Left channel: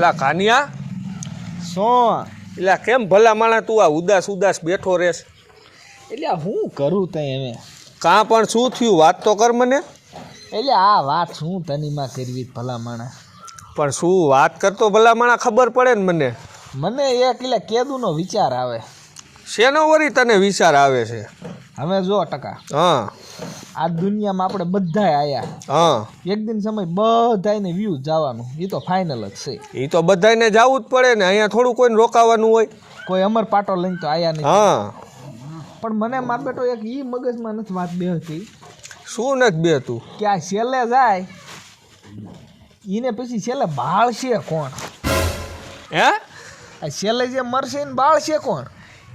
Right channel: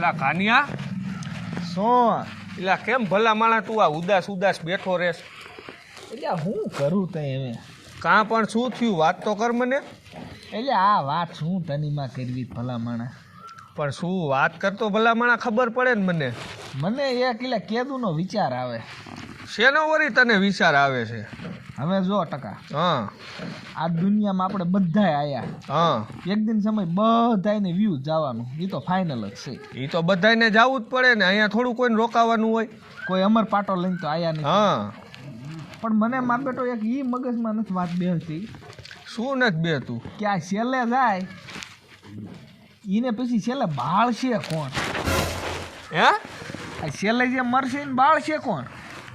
એલા કાનિયા શું એલા કેમ ભલા માણા તું આ ઉદાસ ઉદાસ બેઠો રેસ? એટલે હું કરું તઈ હવે કાં પણ શું થયું વાત તો કર મને. એટલે આ વાત શું તનીમાં કરવી ભલા માણા? પણ શું વાત કરતો ભલા માણા ખબર પડે ને મને. મને એક એટલે કેદુનો વિચાર આવે. શેનો વળી તને વિચાર આવે છે? હવે જો ટકા હા આ દુનિયામાં આપણે બધાય આયા, હા એક દિન સમય બધાયને વ્યૂ જવાનું, એ તો ફાઇનલ જ છે. એ તો બધાને જવું જ પડે ને, અહીંયા થોડું કોઈને રોકાવાનું હોય. કોઈ અમર પાટો લઈને તો આયા નહીં. હા પણ મને માર બેટો એક ઈ મગજમાં નથી વાત બેહતી શું નથી બે તું કે આ છેલ્લે જાય એને પછી છેલ્લે બાળશે કોણ? હે આ છેલ્લે જે મરશે ને બાળશે કોણ?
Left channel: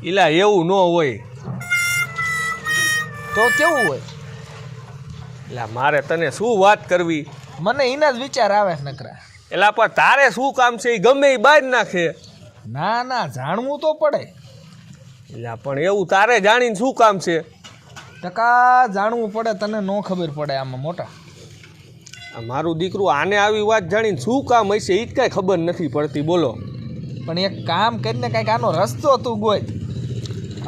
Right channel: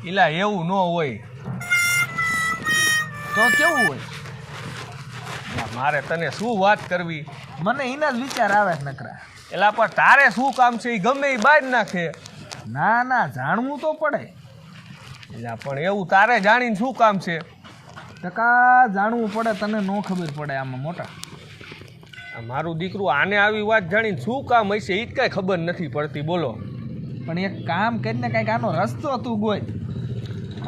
એલા એવું ન હોય. તો કેવું હોય? એલા મારે તને શું વાત કરવી, મને એના જ વિચાર આવે નકરા. એલા પણ તારે શું કામ છે? એ ગમે એ બહાર નાખે. ના ના જાણવું તો પડે. એલા પણ એવું તારે જાણીને શું કામ છે? ટકા જાણવું પડે, તને ન ખબર પડે આમાં મોટા. મારું દીકરું આને આવી વાત જાણીને શું કામ હશે એ જ કાંઈ ખબર નથી પડતી. બોલો. પણ એક કામ કરીને કાંઈક આનો રસ્તો તું ગોય.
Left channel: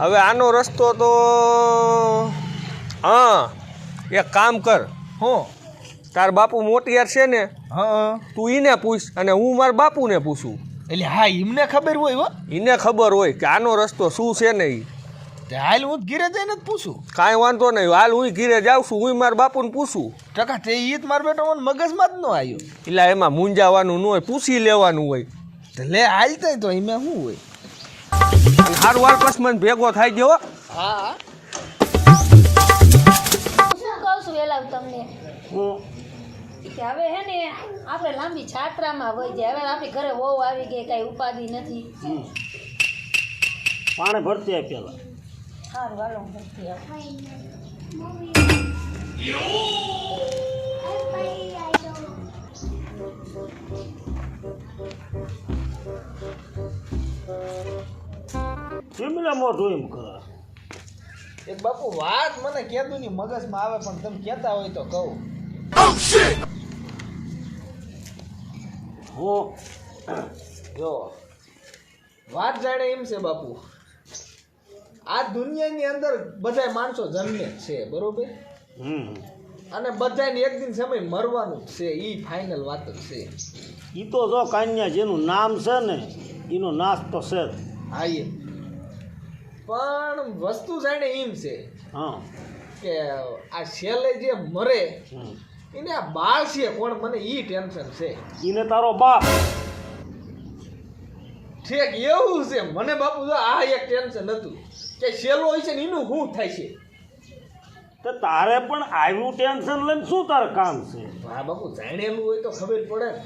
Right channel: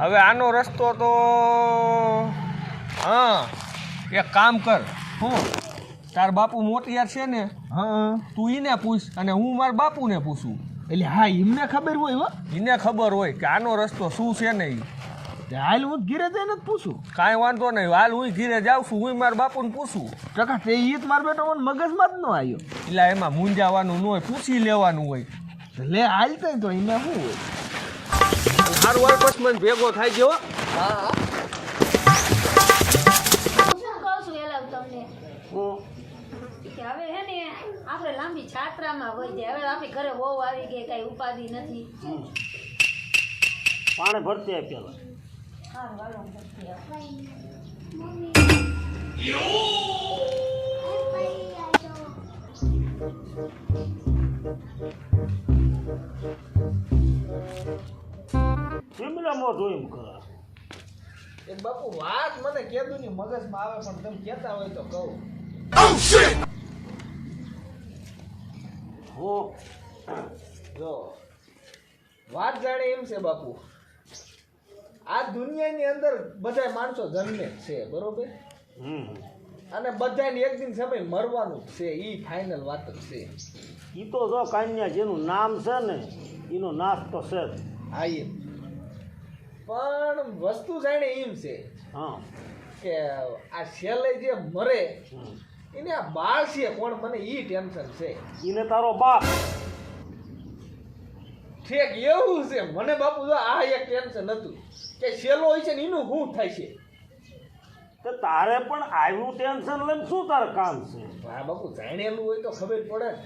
હવે આનો રસ્તો તો હા એક કામ કર. હું તાર બાપુ મોટિયાર છે ને, હા તું એને પૂછ અને હું મારા બાપુને પૂછું. એટલે હા એમને ખબર હોય હો. એને ખબર હોય કે આનો રસ્તો શું છે ને. તે હાલ હું ઘીરે જઈને જ પૂછું. કાંઈ વાંધો નહીં, હાલ હું ઘીરે જાઉં છું, હું મારા બાપુને પૂછું. ટકા તે ઈ જ માર બેટો મને મગજમાં જ ન આવ્યો. એટલે એમાં મૂંઝાવાનું ન હોય, પૂછી લેવાનું હોય. લે હાલ તઈ તો એમાં શું હોય? સારું વાર પછી મને ભેગો થાય છે હો. હા શું કહું છું એલા તમને કે હવે હે ને આપણે લાંબી છાત્રામાં વહી જાય. હવે આપણી ઘરે વહુ આવી ગઈ, કાંઈ ઉપાધિ નથી. પાણી ભરતી આપ પેલા. સારું હાલો હું ભરતી આવું. કેમલા મોઢું એમ કરે? એક બાપુ વાત મને કેદું ની મગજમાં આવે, પણ તમે કહેતા હોય તો કહું. હું જો વાત જાણે એમ છે બાપુ, આ દુનિયાની અંદર બધાય માણસો જન્મે જ છે બરોબર, અને બધાને એક દિન સમય મરવાનું જ છે. ઈ ફાઇનલ વાત જ છે. ઈ તો જો કાન્યા જેનું નામ છે ને એનો નાશ તો છે જ. હા એમ, પણ વસ્તુ જાણે એમ છે હા કે આ છેલ્લે જે મરે હમ. એને આ બાળ છે કોણ? મને ઈ ટેન્શન છે. ઈને તારો બાપ. ઠીક એવું છે. મને બાપુ જો આ એક ટેન્શન હતું કે છેલ્લો હોય છે ને એનું શું થાય છે. તો તારે પણ આવ્યું ટેન્શન લઈને શું તારે કામ છે? હા બાપુ જાણેલું હોય તો ખબર પડે ને.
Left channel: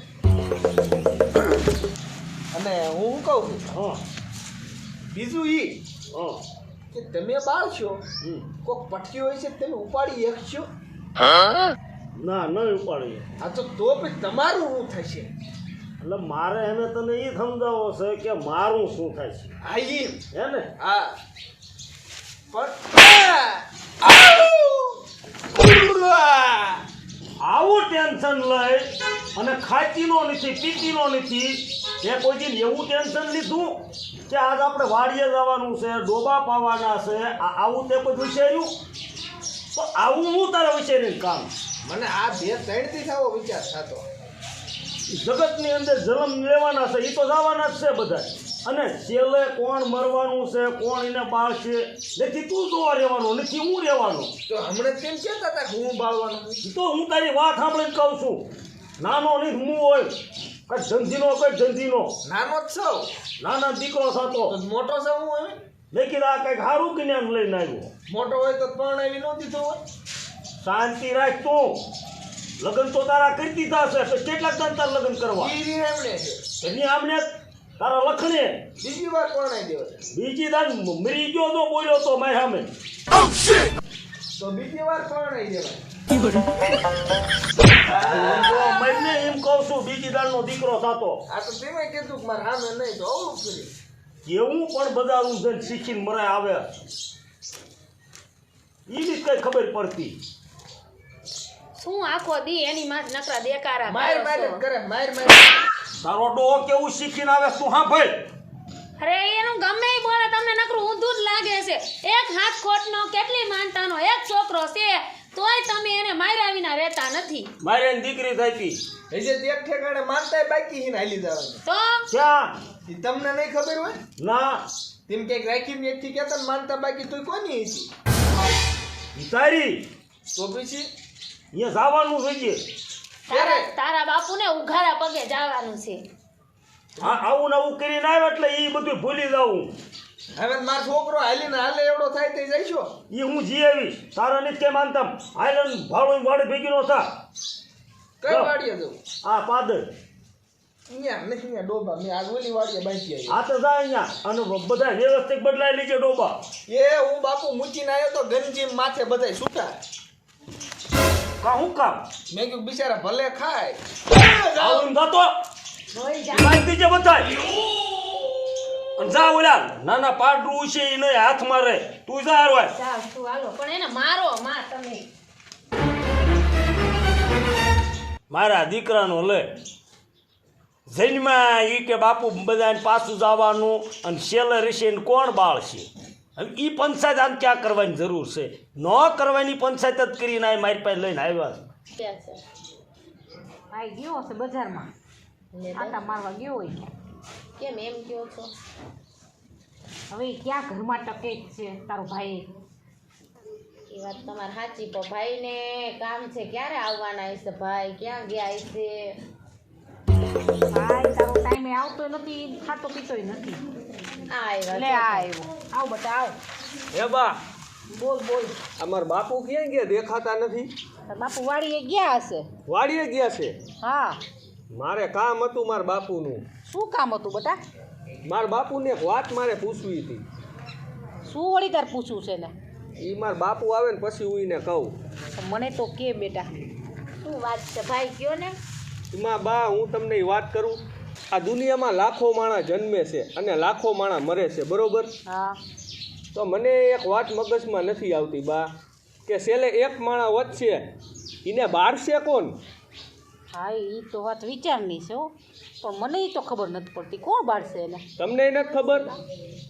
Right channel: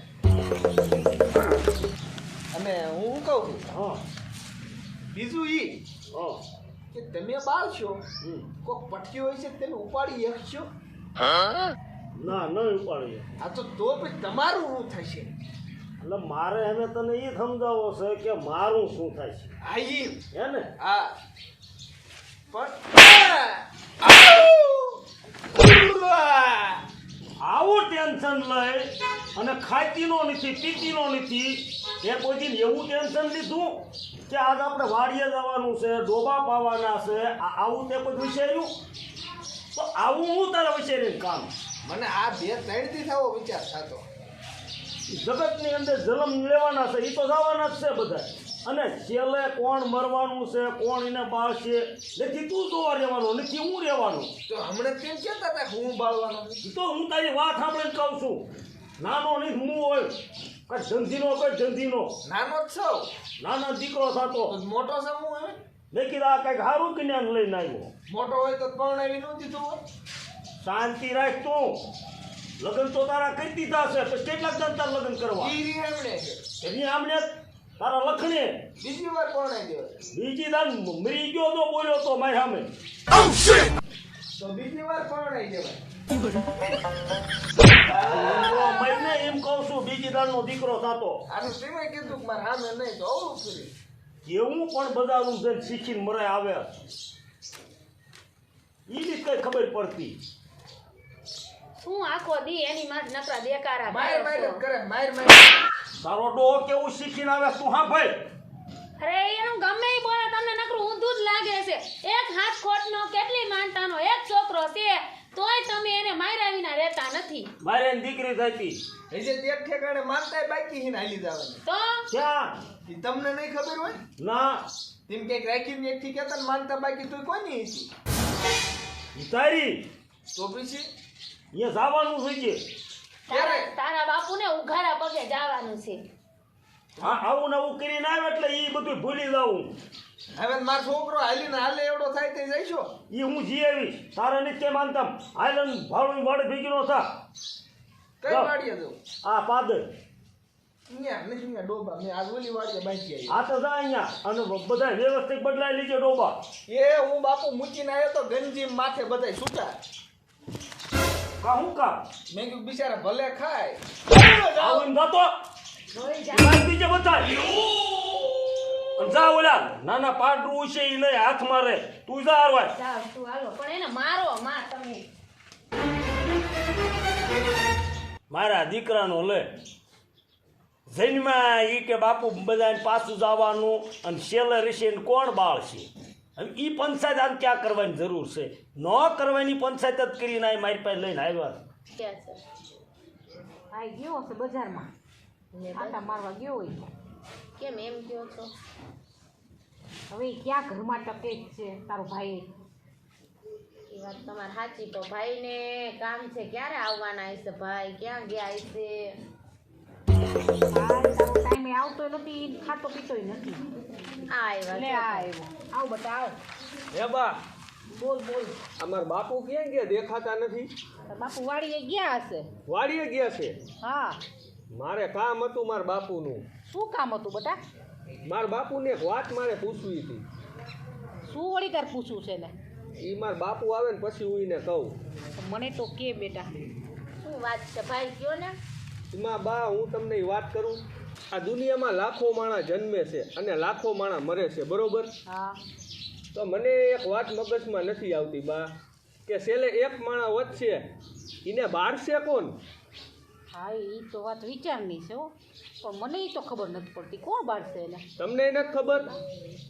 અને હું શું કહું છું હા બીજું ઈ હા કે તમે બાળશો, હમ. કોક પઠી હોય છે તમે ઉપાડી શકશો? ના નહીં ઉપાડીએ. આ તો પછી તમારું શું થશે? એટલે મારે એને તને એ સમજાવો છે કે મારું શું થાય છે, આ ઈ હે ને? હા આવું ટેન્શન લઈ અને ખાતીનો નથી પીતીનો નથી. એ કોઈ દિન એવું ટેન્શન લીધું કે આજ આપણે વાડીએ જવાનું છે, ડોબા પાવાના છે, આવું તે કોઈ વિચાર્યું? તો આવું હું તારા વિચારીને કામ. મને આ 2-3 થી આવો વિચાર થતો. જગતની અંદર જન્મ લેવાના છે, એ તો જવાના જ છે બધા. અને છેલ્લે કોણ મરવાનું છે, કોણ એને બાળશે, નથી તું જોવા રહેવાનું, નથી હું રહેવાનું. તો હમણાં તેમ કહેતા હતા કે હું બાળવાનું. એ તો હું તારી વાત સાંભળીને કહું છું. નાનો નહીં હું હોય કઈ જંજીનો કઈ જંજીનો નાનો જ છો નાના દીકરો થતો તો મોટો છે હું હવે. મેં કીધું આ કંઈક સારું જ્ઞાન લઈને આવ્યો. મોટો હોય તો પરણાવી ન દીધું હોય. શાંતિ રાખ તું. લગ્ન તો તારા કરી દીધા છે, તો કેટલાક દાન તાર લગ્ન કરવા? ઈ રી એમણે છે. એની આમને તારા લખણે બીજી વાર પરણાવી દેવાય બીજી દાન મરી ગયો તો બોલ્યો તો મારી સામે. તો બીજી વાર પરણાવી દેવાય. મેં એમ કહું છું બીજી દાનનો દીકરો થતો. આ તો તમે કીધું કે મારે સામે નહીં તો અવળું કર્યું. કેવું પણ બધાનું જઈને શીખીને મરાય આવે એ બી કઈ ખબર પડતી. શું આખો દી એની માં જ નકરા દેકારા માર કરો માર જ છો? કરે માર માર તારો ડોહો કેવું શીખીને આવે તું હા ભાઈ અરે એનું ગમે ઈ બોલે તમને નકરું ઊંધું જ લાગે છે. એક હાથ ખોટનો કેટલી માનતાનો એક છોકરો છે તોય તમે એને માર્યા વિના રહેતા નથી. મારે એની દીકરી થઈ હજે તે એક ઠેકાણે માનતાય બાકી હીને હાલી જવાની તો ક્યાં ઈ તમને નહીં ખબર હોય ના તેમ કે રાખીને એકથી કહેતા ને માનતા બાકી તોય કોની હતી ઈ તારી તો પછી અહીંયા જવાનું જોઈએ તારા બાપુને ઉઘાડા પગે જવાનું છે. હા આવું ને આવું કરીને આવે એટલે એ બધું ભૂલી જાઉં હવે મારો છોકરો હાલીને હાલે એવડો થાય તે જઈશો એ હું જી આવી તારા નથી કેમ માનતા આયલન ભાડું વાડે ભેગી નો થા કઈ જો. વાડીએ જવું આ પાદર અહીંયા નથી અહીંયા ડોબા મેં આજ ઓલી વાડીએ બાંધી આવી આ તો જા અહીંયા અને બધા વ્યવસ્થિત બદલાઈ લીજે ડોબા એ હું બાપુ મૂકીને આવ્યો તો ગંજી માથે બધાય છૂટા કા હું કામ મેં કીધું બિચારા ભલે ખાય આવું જતો જોઈ જા. લાગી દીજે બધાય અને જા ઓલા નાના પાડરું છે એ લઈ હાથમાં રહે તું જા હારવાય જાઓ તું હાલો પણ એને મારો માં તમે. મારા દીકરાનો લે જન્મા ઈ કે બાપુ બધાને પાછું જવાનું અને સેલર હશે ને કોણ બાળશે હવે ઈ પંચાયત આમ ક્યાં કરવાની જરૂર છે ન કરવાની પંચાયત જ કરીને આ મારી પાસે લઈને આવ્યા છે. ક્યાં છે? આ ગયો છે બજારમાં લે બસ. આટા મારવા ગયો હોય કેમ એમ કહો છો? હવે ઈ ક્યાં ઘરમાં ટકે જ છે તારો ભાઈ એ વાત તમારી સાચી પણ ભાઈને કામ છે ક્યારે આવવાના હશે ભાઈ ક્યાં ગયા હશે? ભાઈ તારો ટાઈમે આવતો નથી ખાતો પીતોય નથી આવ્યા લે આ આવ્યો આવ બટા આવ હે બા બોલ બોલ અમાર બાપુ ક્યાં ગયા દેખાતા નથી? તાર બાપુ વાડીએ ગયા હશે વાડીએ ગયા છે. હા મારે કામ હતું મારા બાપુનું. શું કામ હતું બટા મારા બાપુને એક વાત મારે પૂછવી હતી. શું વળી તાર પૂછવું છે ને એ મારા બાપુ આવે ને પછી હું એને કહું. મને તો કે બેટા શું વાત છે ભાઈ કયો ને? એમાં બા હું તમને એ વાત કરું, આ દુનિયામાં લાખો માણસ જન્મે છે અને લાખો માણસ મરે છે, બરોબર? હા તો મને એક વાત મગજમાં નથી આવતી બા કે છેલ્લે એક માણસ વધશે એને બાળશે કોણ? હા એ તો વાત વિચારની છે હો પણ મને ઈ તો ખબર નથી પડતી કોણ બાળશે એને તમને નથી ખબર?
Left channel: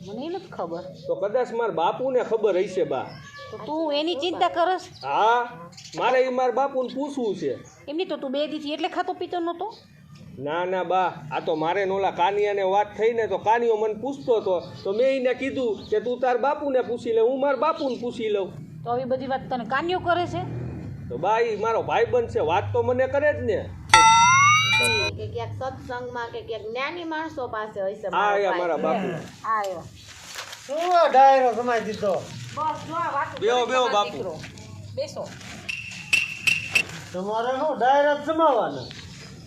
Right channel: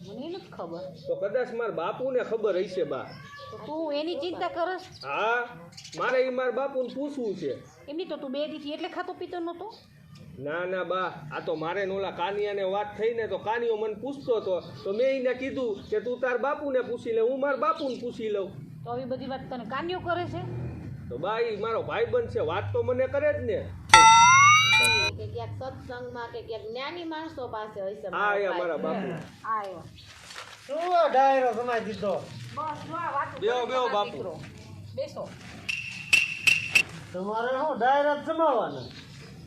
મને નથી ખબર તો કદાચ મારા બાપુને ખબર હશે બા. તો તું એની ચિંતા કરસ હા, મારે એ મારા બાપુને પૂછવું છે. એમની તો તું 2 દીથી એટલે ખાતો પીતો નહોતો ના ના બા, આ તો મારે નોલા કાનિયાને વાત થઈ ને તો કાનિયો મને પૂછતો હતો તો મેં એને કીધું કે તું તાર બાપુને પૂછી લે, હું મારા બાપુને પૂછી લઉં. તો આવી બધી વાત તને કાન્યો કરે છે તો બા એ મારો ભાઈબંધ છે, વાત તો મને કરે જ ને. કે ક્યાંક સત્સંગમાં કે ક્યાંક જ્ઞાની માણસો પાસે હોય છે આ મારો આયા ભાઈ. મારા બાપુ. આ આવ્યો શું ડાયરો કમાઈ દીધો બસ જો આ વાત બેહો બેહો બાપુ. બેસો તમારે શું ડાયરો જમાવાના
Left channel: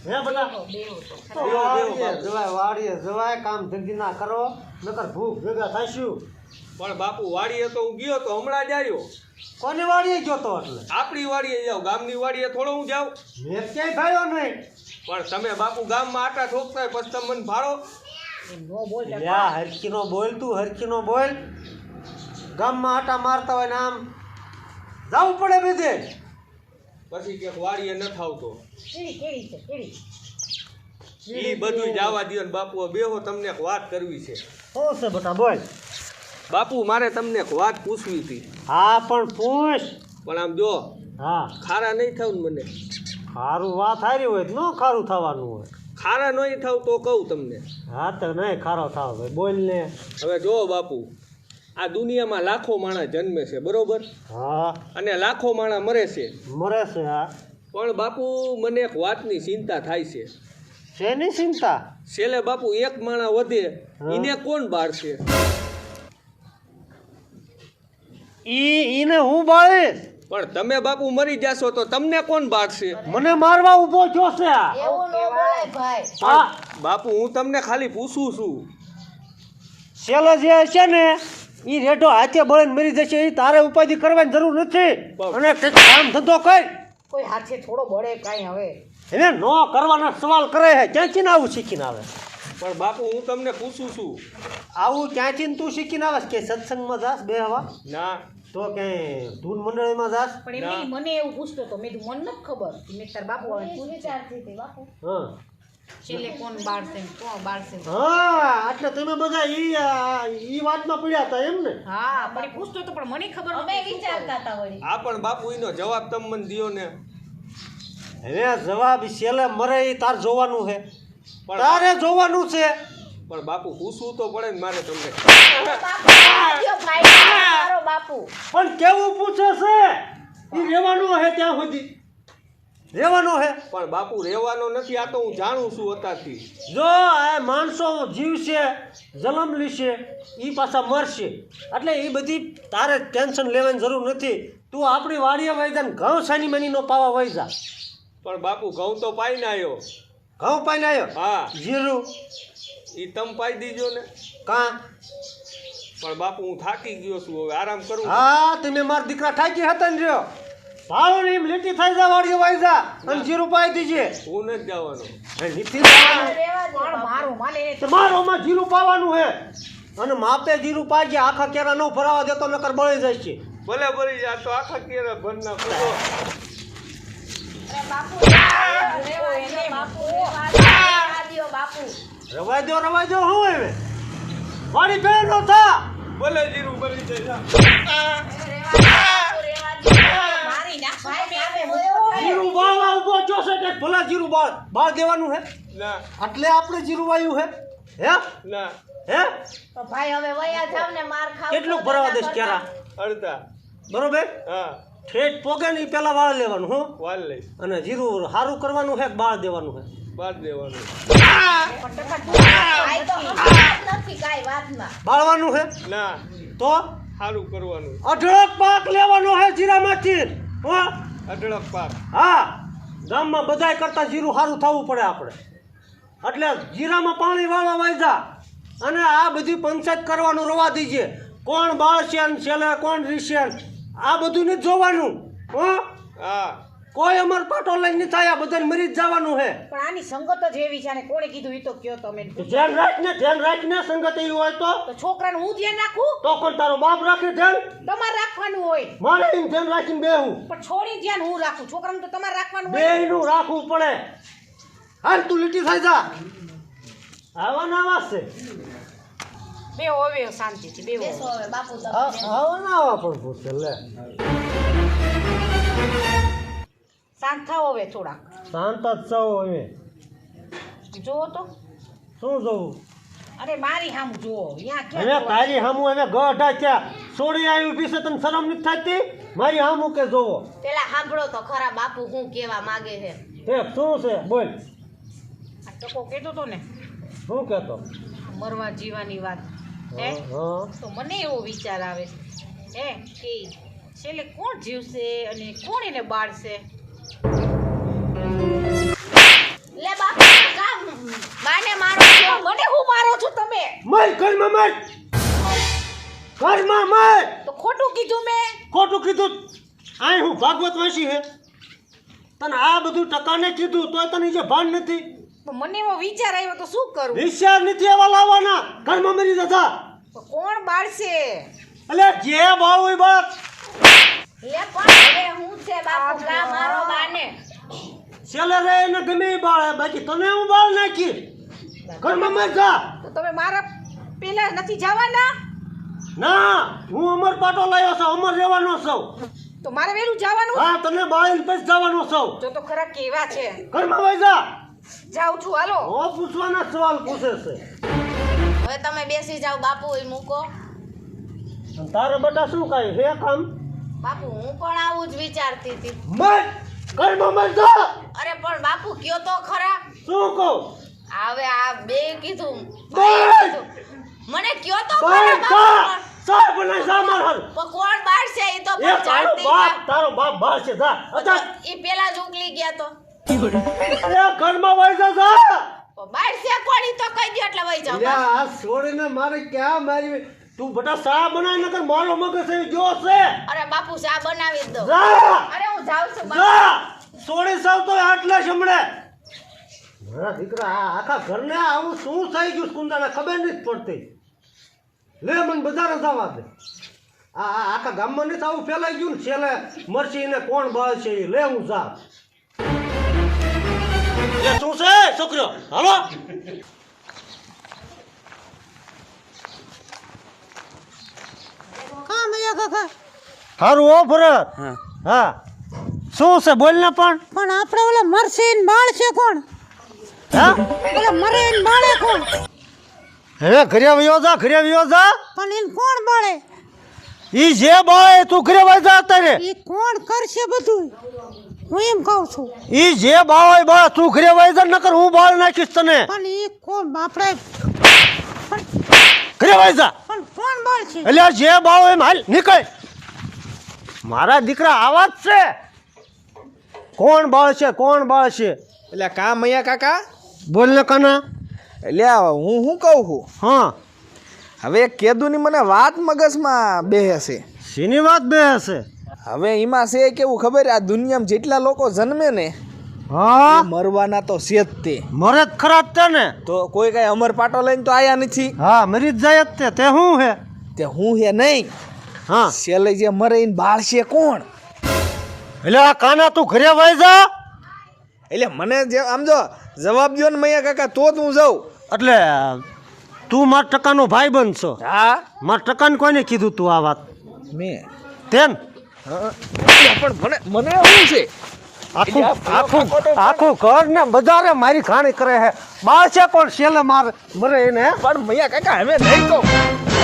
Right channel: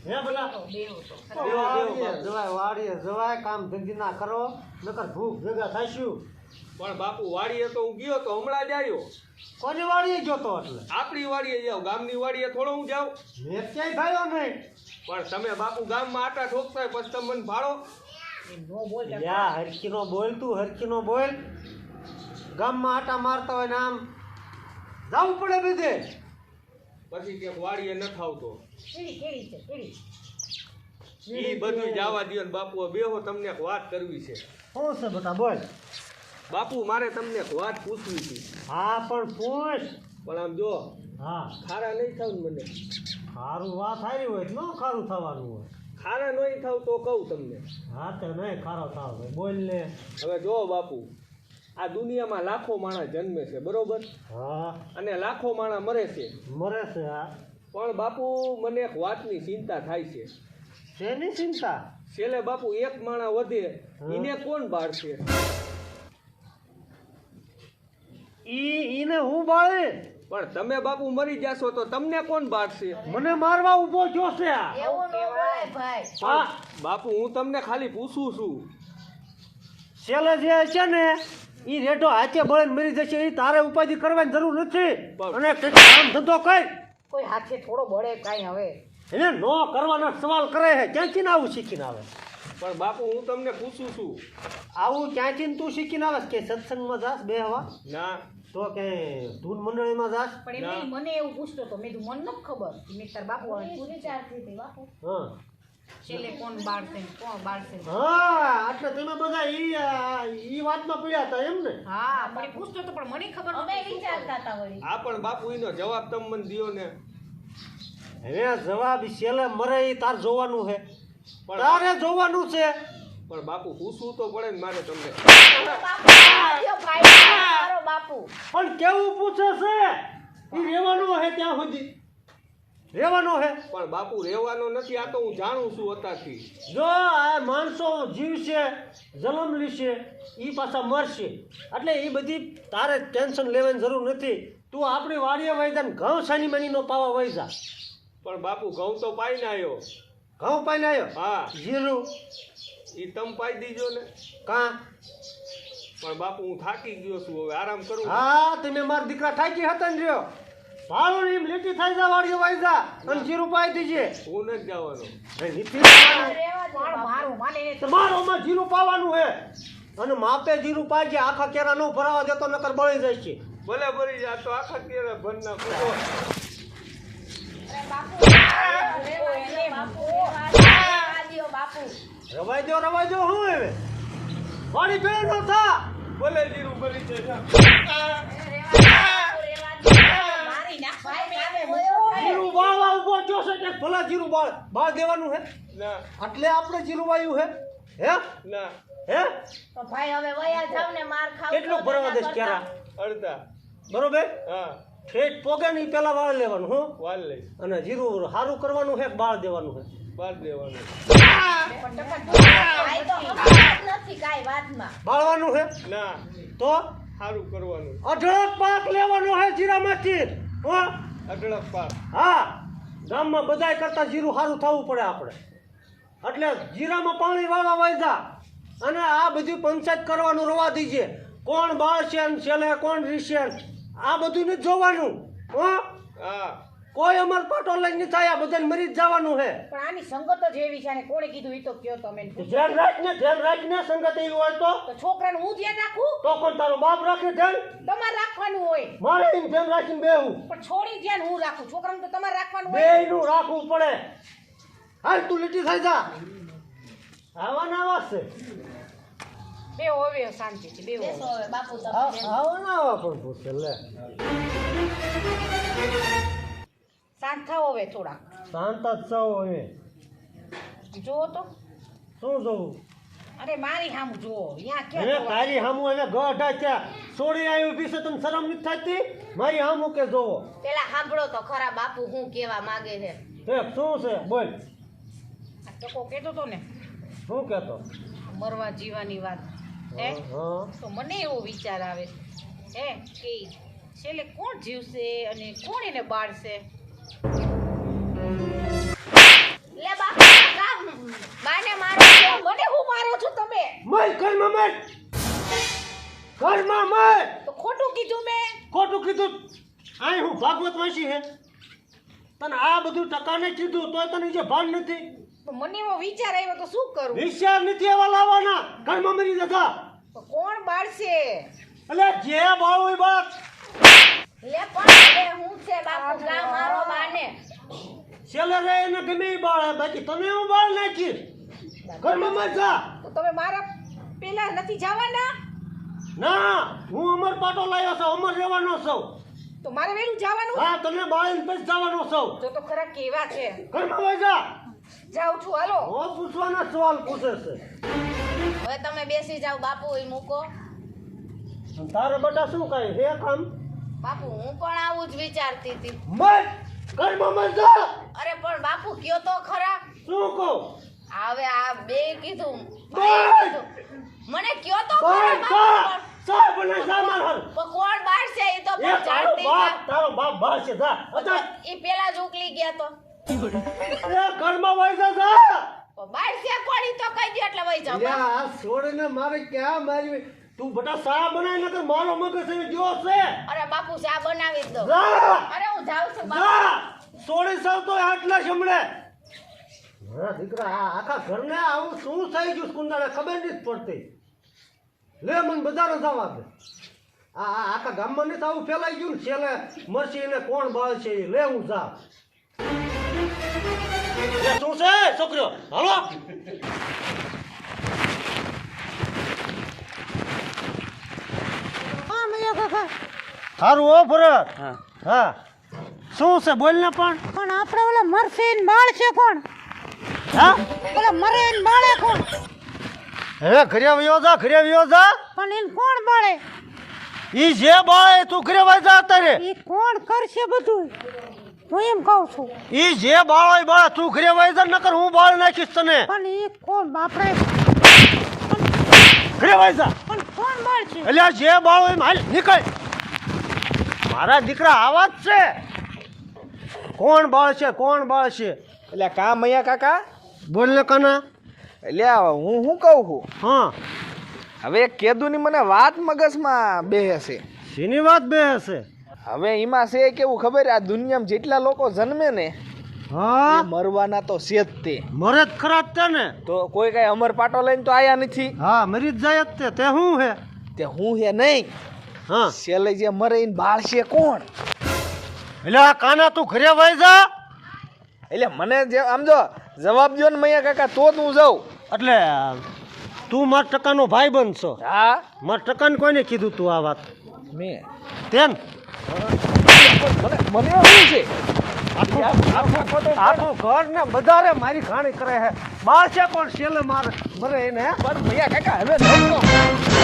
હે બધા બેહો તો બેહો, વાડીએ બાપુ. જવાય વાડીએ જવાય કામ ધંધી ના કરો નકર ભૂખ ભેગા થાશું પણ બાપુ વાડીએ તો હું ગયો તો હમણાં જ આવ્યો. કોની વાડીએ ગયો તો એટલે આપણી વાડીએ જાઉં, ગામની વાડીએ થોડો હું જાઉં? મેં ક્યાંય થયો નહીં પણ તમે બાપુ ગામમાં આટા ઠોકતા હોય પછી તમે મને ભાડો. નો બોલ લ્યા હરખીનો બોલ તું હરખીનો બોલ ગામમાં આટા મારતા હોય ને આમ જવું પડે બધે પછી ક્યાંક વાડીએ ન આવતો. કેડી કેડી છે કેડી એ બધું જવા દો ને બાપુ, બેહો, તમને એક વાત કરવી છે. શું છે બેટા બોલ બાપુ મારે તમને એક વાત પૂછવી હતી, હા પણ પૂછ પણ આમ જો હા ખારા નહીં થાવ ને મને. ખારું વાત હારી હોય તો ન ખારું થવાનું હોય ખારા નહીં થાવ તો કહું તમને. હા તો નહીં ખારો થાવ ભાઈ બોલ ને હવે જો બાપુ, આ દુનિયામાં લાખો માણસ જન્મે છે, બરોબર? હા અને લાખો માણસ મરે છે. મરે છે હા પણ બાપુ મને એક વાતની ચિંતા થાય છે. શેની ચિંતા છેલ્લે બાપુ એક માણસ વધે એને કોણ બાળશે? ઈને હું બાળીશ પણ તમે બાપુ મરી જાશો તો તમને કોણ બાળશે? મને મારવા ઊભો થયો છે આ એવું ન બોલાય ભાઈ. હા બાપુ હું તમને ખાલી પૂછું છું. છેલ્લે જે છે ને એ રેઢો હાથે બળીને મરી જશે એ તારે ઉપાધિ કરવાની જરૂર નથી અને કંઈક કામ ધંધો કર કોઈ હાથે થોડો બળે કાંઈ હવે એને નો કરવાના સવાલ કરે છે ક્યાંથી ને આવું શીખીને આવે પણ બાપુ હું તમને પૂછું છું. આવું ક્યાંથી ને તું શીખીને આવે કે સત્સંગમાં જાસ બે હવા ના, તો કઈ ધૂન મંડળીમાં જાસ પણ એમ નહીં, મને એવું પૂછતો હતો. મેં કીધું મને નથી ખબર. મેં તાર બાપુ આવે હા છેલ્લે કોણ બાળશે ને કોણ બાળશે ને. હા એટલે તમે બધા ઈ વાતમાં પડ્યા હતા એમ ને હા પણ એ પૂછતો હતો પણ મને ખબર નહોતી. આ પણ બાપુ એનો જવાબ તમે મને દ્યો ને. હવે જવાબ છેલ્લે મરે ઈ તાર જોવાનું છે પણ તારે જોવાનું છે પણ બાપુ પૂછવું તો પડે ને મારે તમને. પણ કેવું પૂછે છે ઈ રહેવાનું છે ત્યાં સુધી રહેવાનું છે પણ બાપુ રહેવાનો નથી, આ તો હું જાણું છું અત્યારથી. જો આ માણસો જીવશે જન્મ લેશે એ પાછા મરશે એટલે એ બધી તારે ટેન્શન લેવાની જરૂર નથી. તું આપણી વાડીએ વહી જા ને ઘઉં સાની મનીનો પાવા વહી જા. પણ બાપુ ઘઉં તો પાઈને આવ્યો. ઘઉં પાઈને આવ્યો હા જીરું એ તમે પાઈ દીજો ને. કાં પણ બાપુ હું થાકી ગયો છું, હવે આરામ કરું. હા તમે મારા દીકરા ઠાકી હતા ને રહ્યો ભાવ ને એમ લીટી થઈ જા વાડીએ વહી જા અને જીરું પાઈ દીજે. હું નથી જવાનો. એ લીટી પાવાનું. પણ મારું માને તમારોમાં જીરું પાવાનું છે અને માપે જીરું પાજે આખા કેરા ન ભરાવા દેતો નકર બળી જાય છે. ભલે ભરી જા તો આખા કેરા ભર નાખો. રવાઈ દો હું હવે વાડી ભેળ નો થા ભલે જીરું ભરી જાય. જીરું બાળવા ઉભો છો છે કે ભલા જીરું બાળ દેવાનું છે ના એટલે આપણે જીરું વાયું છે હે ના હે ભાઈ હવે વયા જાવ ને માર ખાવ. કેટલું ભરાવા દેશ કેરા અડધા. બરોબર હા ઠેઠ પોગે ને ઈ પેલા વાળ લેવાનું હું વાલ લઈ અને જીરું સારું કરવાનું છે કે બાળ દેવાનું છે બાદ દેવાનું. ભાઈ તો નથી કાંઈ વાતમાં. બાળવાનું છે ના તો સારું કરવાનું. અઢળક પાક લેવાનો છે જીરામાંથી હો અઢળક પાક. હા ગામમાં બધાય કરતા જીરું સારું થવું પડે આપણે એટલે જીરામાં પાણી વાળવા વાયદા અને આ બધી પંચાયત કરવાનું રવા દીજે કોણ બાળશે ને છેલ્લે કોણ રીશે ને આ બધું નથી જોવાનું હો હા કોઈ અમર પાટો લઈને નહીં થાય આ બધાને મરી જ જવાનું છે પણ આની સંગત જ એવી છે અને કોણે કીધું એ તો કયો તમે. ધ્યાન રાખને સંગત એવી હોય તો છોકરાનું હું ધ્યાન રાખું તો કોણ તારો બાપ રાખે ધ્યાન તમારે રાખવાનું હોય મારે એમ ધ્યાન રાખીને બેહું પણ છોડી ધ્યાન હું રાખું છોકરાનું તો તમારે રાખવાનું હોય. બેયનું રાખવું પડે હાલ તું લીટી થઈ જા આવાના આવાસ છે બે હવે શાંતિથી બે બેસો હવે બાપુ તમે. આવાના આવા પણ પૂછે લે શાંત થાવ હવે થોડા. શાંત જ છો હવે જુઓ તો શું જોવું અરે મારી સામું જુઓ અહીંયા હવે ક્યાં તારી સામું હવે ગઢા ક્યાં છોડી આવી પીસે તને શરમ નથી થતી મારી સામું કે જોવો પેલા સાંભળો તો ખરા બાપુ હું કેવા માંગે છે. હે શું છે બોલ તો કોઈ કહેતો હતો ને શું કહેતો મરવા જીવાની વાત હે હા તો મને એવો વિચાર આવે છે હે કે છેલ્લે કોણ જીવશે અને કોણ એને બાળશે. લે બાપુ કામ માને મારો છો. મને હું મારો છો તમે મર ઘરમાં મર ઘરમાં મર તો ખોટું કીધું મેં. ખોટું કીધું આય હું ભાગવત વાંચી હે તને આ બધું ટકાને કીધું તો તને જે ભાન નથી તો મને એવો વિચાર આવ્યો તો શું કરું. વિચાર નથી એવા લાવવાના ઘરમાં મરી જતા તો કોણ બાળશે. એટલે જે બાળ હોય બાળ લે પણ હવે હું છે બાપુ કા મારો બાને. છેલ્લે રે એને ગમે એ બાળ હે બાકી તને હું બાળ નાખી ઘરમાં મર જા તો તમે મારા પેલા નથી જવાના. ના હું અમર પાટો લાવ્યો છું અમર રહેવાનો છું તો મારે વેલું જવાનું. હા તને બાળીને પછી જવાનો છું જો તો ખરા કેવા છે. ઘરમાં વહી જા જાઉં છું હાલો. ઓ પૂછવાના સવાલ પૂછે છે હવે તમે બેસી જાઓ બાપુ એ મૂકો. અને તારે બધા શું કાંઈ હે કામ બાપુ હું પણ આવું જ વિચારતી હતી. મર ઘરમાં મર જા અરે પણ બાપુ કયો તો ખરા. શું કહું હવે આ બે કીધું બોલ! મને કયો તો બાળ ખરા જા બાપુ. સા બને જા માર હાલ પણ કોણ બાળશે એ તો એ પણ જાણતી તારો બાપ બાળ છે જા અચ્છા એ પેલા જ ઉકલી ગયા તો એ ઘરમાં વહી જા જા બાળશે કોણ ઈ તો કહી દો એટલે વઈ જાવ. લ્યા આ છોડીને મારે ક્યાં મારી તું બટા સા બનાય નકર મારો મગજ એ જો છે અરે બાપુ ચા બનાવી જ દો. જા અરે હું જાઉં છું બાપુ. જા છોડી સાવ તો આટલા શમણે મારા દીકરા આ આખા ઘરને આવું શું થઈ ગયું કુંદાને ખબર નથી પડતી લે મને બજારે જવા દે આખા ગામમાં નથી આવું ફેલાઈ ગયું ને છેલ્લે મરસી ને કોણ બાળ છે એ લે હું જા શું છે છોકરો હાલો સારું ઓ ભરત હા શું છે બોલ ને પણ આપણે ઓલા મરસીન બાળ છે કોણ હા ઓલા મરીન બાળે કોણ હવે ઘરે વયો જા પણ એને કોણ બાળે ઈ જે બાળે તું ઘરે વયો જા અત્યારે એ કોણ કરશે બધું હું એમ કહું છું ઈ જે બાળ બાળ તું ઘરે વયો જા નકર હું બાળ નાખીશ તને પણ એ કોણ આપણે ઘરે વયો જા પણ કોણ બાળ છે એટલે જે બાળ એમ હાલ નીકળ મારા દીકરા આવા જ છે કોણ બાળ છે એટલે કા મૈયા કાકા બોલ ને કાના એટલે હું શું કહું છું હા હવે કેદુની મને વાત મગજમાં બેહે છે શીની વાત બે હશે હવે એમાં છે કેવું ખબર આ દુનિયામાં જેટલા લોકો જન્મે ને હા એ મરવાના તો છે જ તે મરે જ ખરા જ તે ને તો કોઈ કઈ અમર પાટો લઈને તો આયા નથી હા મરી જ જાય જ તે શું હે તે હું હે નહીં હા છેલ્લે જે મરે એને બાળ છે કોણ એટલે આ કાના તું ઘરે વહી જા એટલે મને જે આમ જો જવાબ દો ને મૈયા કાકા તો જ હું જાઉં એટલે તું મારા ટકાનો ભાઈ બનશો હા મારા ટકાને કોઈને કીધું તું આ વાત મેં તેમ પણ મને શું છે આખું ઘર ને બધારે મારી ખાણી કરે છે બાળ છે પણ છેલ્લે મરે એને પણ મૈયા કાકા હવે નહીં કહું